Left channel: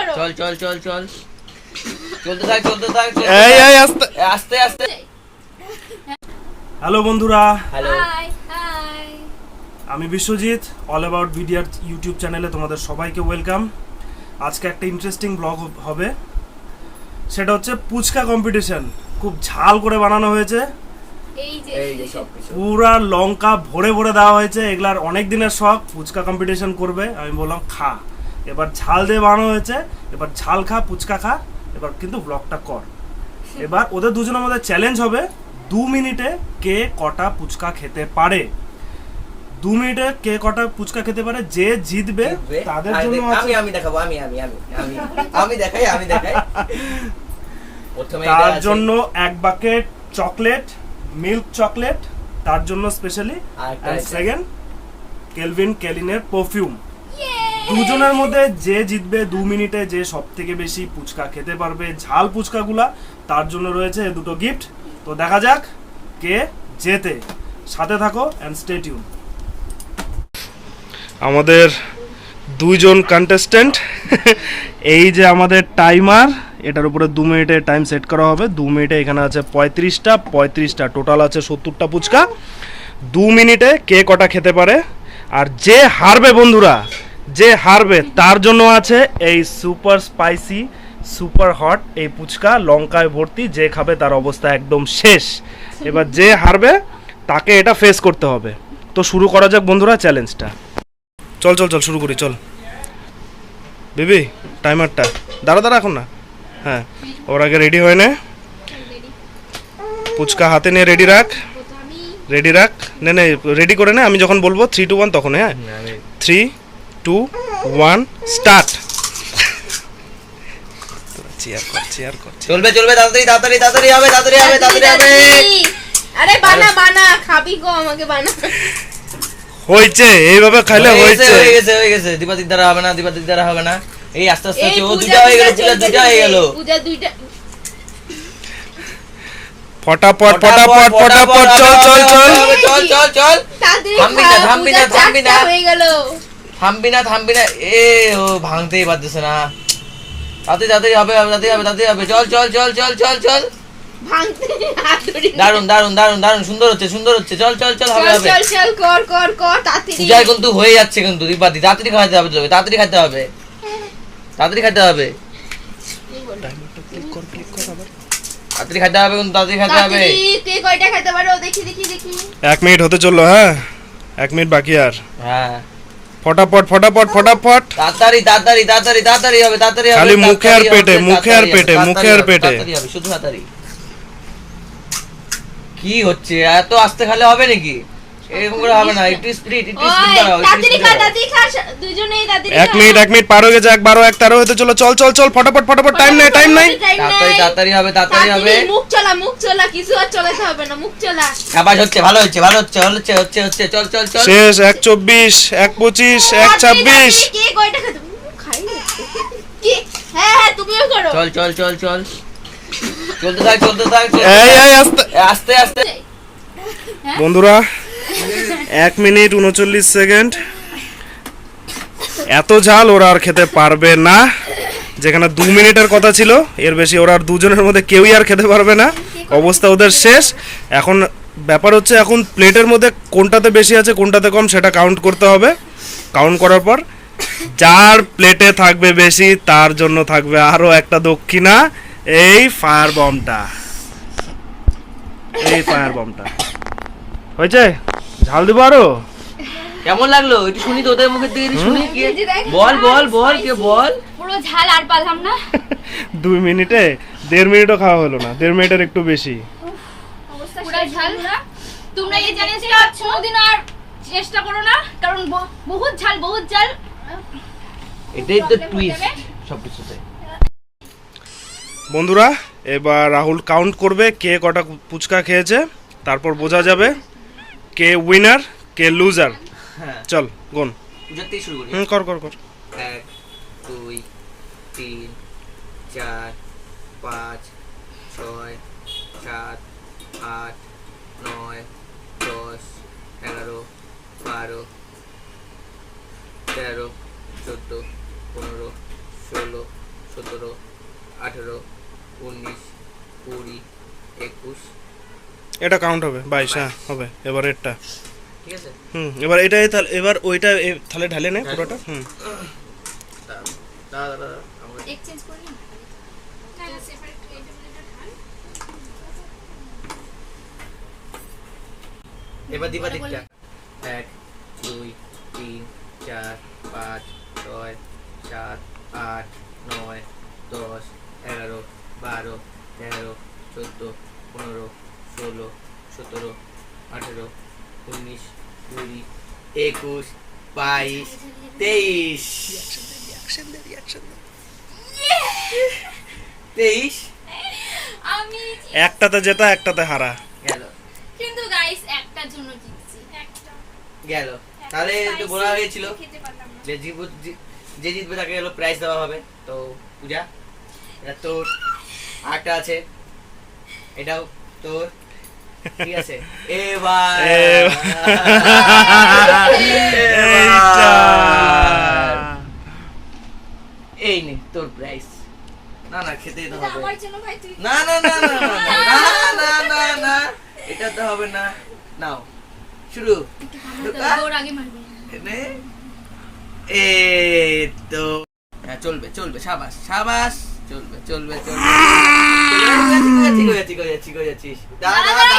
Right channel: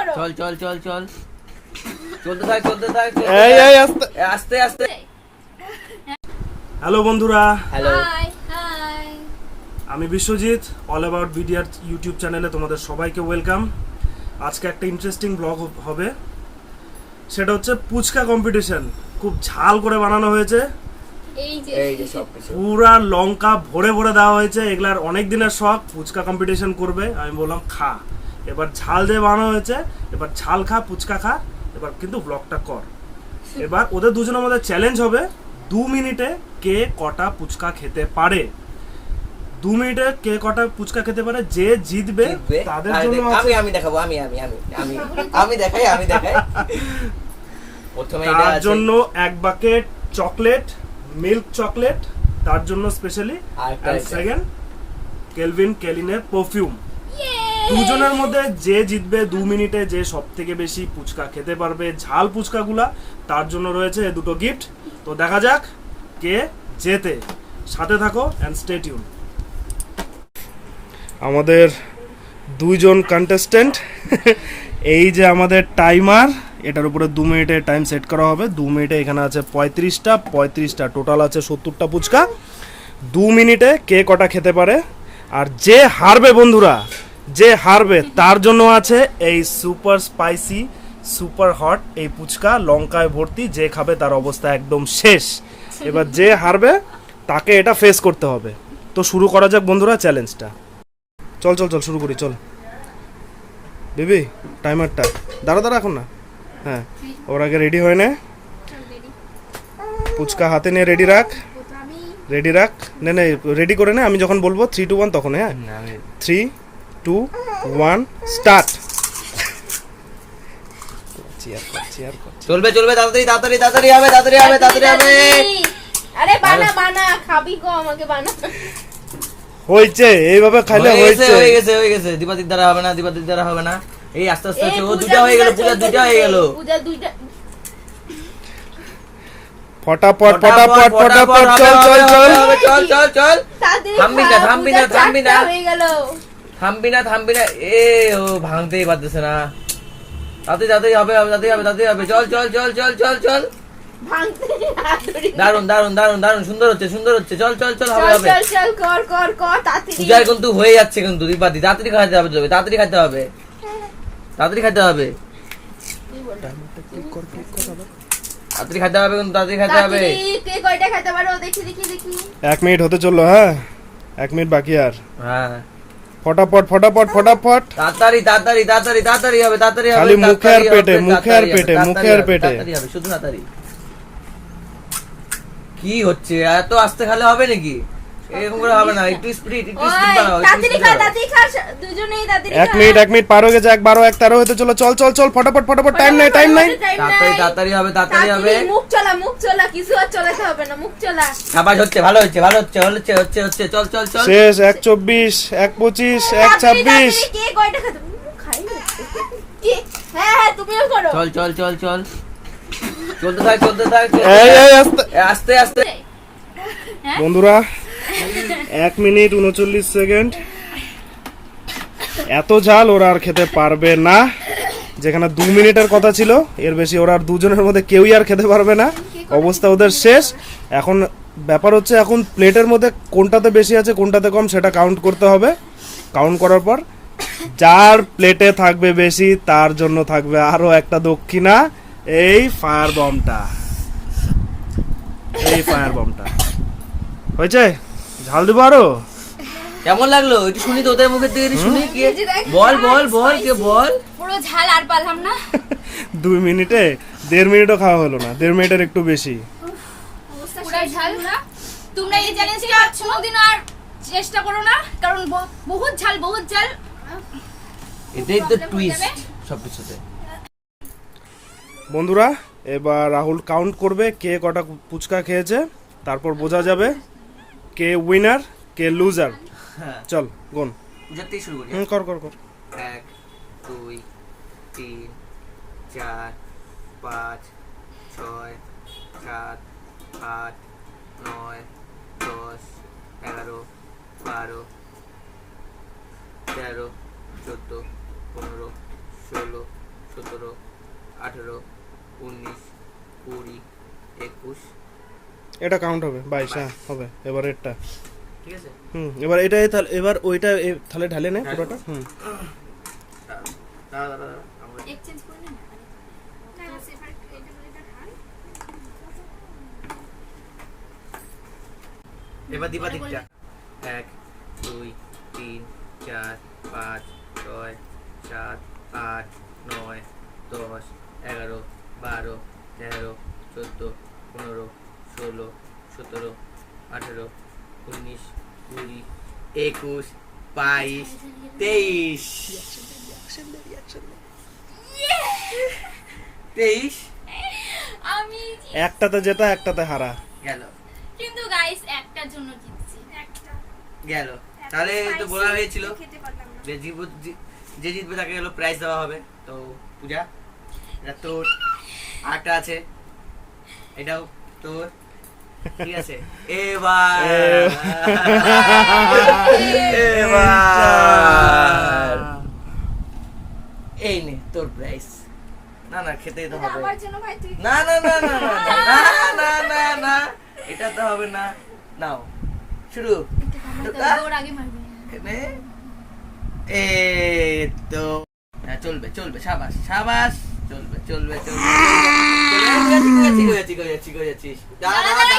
করো। চল চল চল চল চলতে থাক চলতে থাক এই আস্তে আস্তে আস্তে। হ্যালো বন্ধুরা, হ্যালো, হাই হাই। আমি বিশ্বজিৎ, অল অ্যাবাউট ভিডিওর ইউটিউব চ্যানেলে তোমাদের সবাইকে ওয়েলকাম। আজকে একটা ইন্টারেস্টিং ব্লগ হবে, সেটা হচ্ছে পুচকা কম্পিটিশন। খুব ঝাল করে বানানো হয়েছে, এই যে সব কিছু পুরা লঙ্কা ভরে ভরে দেওয়া হয়েছে। এগুলার অনেক দিনের শখ, পুচকা কম্পিটিশন করবে। আমি বললাম খা, এবার ঝাল দিয়ে বানানো হয়েছে, এবার ঝাল খা, পুচকা খা, এবার কিন্তু ব্লগটা কর। এবার ওদের দুজনের মধ্যে চ্যালেঞ্জ হবে 2 মিনিটে কে কটা পুচকা খেতে পারে। 2 মিনিটে কে কটা পুচকা খেতে পারে, যে জিতবে তাদের জন্য আমি আমি দেখাবো, আমি আমি আমি আমি আমি দেখাই, আমি দেখাই। প্রথমে তার জন্য এক বাকেট চকলেট, মিল্ক চকলেট তার জন্য স্পেশালি, আর সেকেন্ড কেলভিন কেলিনের পারফিউম। দুজনের মধ্যে যে জিতবে 2 মিনিটে, যে সব থেকে বেশি পুচকা খেতে পারবে ঝাল পুচকাগুলা, তার জন্য রয়েছে দুটো গিফট। তো দেখা যাক কে জেতে। সাথে থাকো এন্ড স্টে টিউন। আমাদের দুইজন কন্টেস্ট্যান্ট, এই যে আমাদের টাইমার, এটার উপরে 2 মিনিটের টাইম সেট করা হবে। 2 মিনিটে এখানে আছে 35টা, টোটাল আছে 70টা পুচকা। 2 মিনিটে কে কটা খেতে পারে, আর যে হারবে বন্ধুরা, যে হারবে তার জন্য আছে এই সুপার স্পাইসি সুপার হট এই পুচকা, লঙ্কায় ভর্তি। যে খাবে তার অবস্থা একদম শেষ। এবার যে হারবে তাকে এটা ফেস করতে হবে। তো শুরু করা যাক বন্ধুরা চ্যালেঞ্জটা। চল চল চল শুরু করি, চল বেবি। টাইমারটা দাঁড়া এখন না, হ্যাঁ ওর আগে রেডি হয় না, পুচকা হাতে নিয়ে রেডি রাখ, রেডি রাখ, নে নে রেডি করে নে। আমি যখন বলবো 3 2 1 তখন, হ্যাঁ 3 2 1 স্টার্ট। চেয়ার কর চলবে চলবে, তাড়াতাড়ি তাড়াতাড়ি তাড়াতাড়ি হবে, তাড়াতাড়ি হবে, তাড়াতাড়ি হবে। আরে বানা বানা, খাবি গো, আমাকে বানা। হইছে, এইভাবে খাইলে হইছে। হয়ে গেছে হয়ে গেছে। দীপাদির দ্বারা হবে না, দীপাদির দ্বারা হবে না। এই আস্তে আস্তে হচ্ছে, ও দুটো হয়ে গেল, দুটো হয়ে গেল। পূজা দুইটা। ফটাফট ফটাফট ফটাফট, চল চল চল চল চল চল। থামবি না থামবি না থামবি না, হয়ে গেল। থামবি না থামবি না, এ ও ভাঙতেই পারতেছে না। তাতে তাতেই হবে, তাতেই হবে, তাতেই হবে। চল চল চল চল চল চল। ভাঙতে হাত ধরি। দারুন দারুন দারুন দারুন, সুন্দর হচ্ছে সুন্দর হচ্ছে। চল চল চল, হবে হবে। চল চল কর কর কর, তাড়াতাড়ি। পূজায় কিন্তু হয়ে যাচ্ছে, কিন্তু দীপাদি তাড়াতাড়ি খাইতে হবে, তোকে তাড়াতাড়ি খাইতে হবে, তাড়াতাড়ি খাইতে হবে, তাড়াতাড়ি খাইতে হবে, কিন্তু তাড়াতাড়ি খাইতে হবে। কে কয়টা খেতে পারো দেখি দেখি দেখি। 1 মিনিট হতে চললো, হ্যাঁ 1 মিনিট বাকি আর। হ্যাঁ ফটাফট ফটাফট ফটাফট, তাড়াতাড়ি তাড়াতাড়ি তাড়াতাড়ি তাড়াতাড়ি হবে, তাড়াতাড়ি হবে। খালি মুখে আর পেটে, মুখে আর পেটে, মুখে আর পেটে। তাড়াতাড়ি হবে, শুধু তাড়াতাড়ি। কি হচ্ছে, এত আস্তে খেলে হবে নাকি? এরকম করে হবে না, একটু স্পিড, একটু স্পিড দাও, তাড়াতাড়ি খা, তাড়াতাড়ি খা, দুজনেই তাড়াতাড়ি। 1 মিনিট পার হয়ে গেছে, 1 12 1 13 হতে চলো। চল চল চল ফটাফট ফটাফট, টাইম নাই টাইম নাই। তাড়াতাড়ি তাড়াতাড়ি হবে, তাড়াতাড়ি হবে। মুখ চলা, কিছু আর চলাতে হবে না, মুখ চলা। আবার হচ্ছে, ভালো হচ্ছে, ভালো হচ্ছে, হচ্ছে হচ্ছে হচ্ছে। চল চল চল। শেষ। 1 24 1 25 1 26। কে কয়টা খেতে খাই কি? হ্যাঁ হ্যাঁ, তুমিও করো। চল চল চল চল, চলতে থাক চলতে থাক। এই আস্তে আস্তে আস্তে। বন্ধুরা 1 মিনিট 39 সেকেন্ড। এত ঝাল ওরা আর খেতে পারবে না। যেখানে 2 মিনিটের কথা ছিল, এর বেশি ওরা আর দুজনের মধ্যে কেউই আর খেতে পারবে না। অবস্থা ওদের শেষ। এখন ব্যাপার হচ্ছে, এখন প্লেটের মধ্যে কোনটাতে বেশি আছে কোনটাতে কম সেটা কাউন্ট করতে হবে। কাউন্ট করার পর যার প্লেটে থাকবে বেশি তার জন্য থাকবে আরো একটা দক্ষিণা, এই ফায়ার বমটা। এই ফায়ার বমটা হয়েছে। ঝাল দিব আরো। কেমন লাগলো একটু শুনি তো, ওদের মুখের দিকে শুনি। কি বল বল বল, কে বল। পুরো ঝাল আর পারলাম না। 2 মিনিটে 1.5 মিনিটও খাওয়া হলো না, 1.5 মিনিটের একটু বেশি। অবস্থা পুরো ঝাল। তোমরা এই চ্যালেঞ্জটা কোনদিন আর চেষ্টা করো না, কারণ বহুত ঝাল, বহুত ঝাল। এটাই তো টুইস্ট সবকিছুতে। বন্ধুরা এবার রাহুল কাউন্ট করবে কে কটা পুচকা খেয়েছে, তারপর বোঝা যাবে কে উইনার কে লুজার। চল গুন। পূজাতেই শুরু করি। কর কর কর। 1 2 3 4 5 6 7 8 9 10 11 12 13 14 15 16 17 18 19 20 21 এটা কাউন্ট হবে 22, হ্যাঁ হবে। এবার এটা ঠিক আছে। এবার এটাই তাহলে, এবার ওইটা তাহলে ঢালে নে পুরোটা। দাঁড়া আমরা এক্সচেঞ্জ করে নিন না সেপারেট এটা ঢাল। এবার দিবা দিকটা 1 2 3 4 5 6 7 8 9 10 11 12 13 14 15 16 17 18 19 20 21 22 23 23 আমি একটাতে জেতা, একটাতে হারা। গেল কিন্তু গাইস একটার জন্য জিতছি, একটা গেল। তাহলে তো বলা হয়েছিল খেতে পারলাম না। যে জিতবে তাকে হলো প্রাইজ দেওয়া হবে। তো পূজা এটা তোর, আরটা আছে এটাও তোর, ঠিক আছে। এবার এইটা এই নে তোর প্রাইজ। না না খেতেই তো হবে। আমার জন্য ভাই তুই না না না না না না না না এটা তো হবে না। নাও শুরু। ওর আগে মারবি। নে এই তো হ্যাঁ চলবে চলবে, সাবাস সাবাস, চলবে চলবে চলবে। ঠিক আছে ঠিক আছে ঠিক আছে ঠিক আছে। দাঁড়া দাঁড়া